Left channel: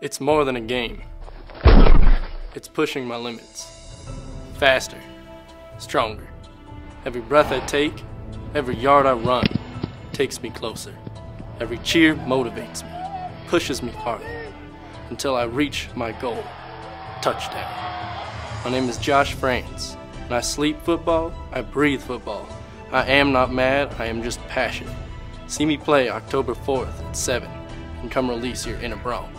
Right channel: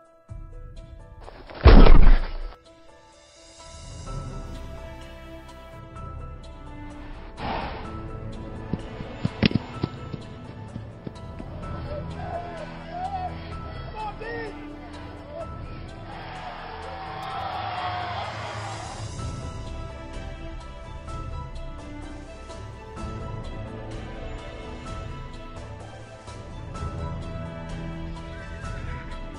It's more than a game. It's pushing my limits. Faster, stronger. Every breath I take, every yard I run takes me closer. Every cheer motivates me, pushes me harder, until I reach my goal. Touchdown. My name is Josh France, and I sleep football, I breathe football. I am not mad, I am just passionate. See me play October 4th at 7, and come release your inner Bronx.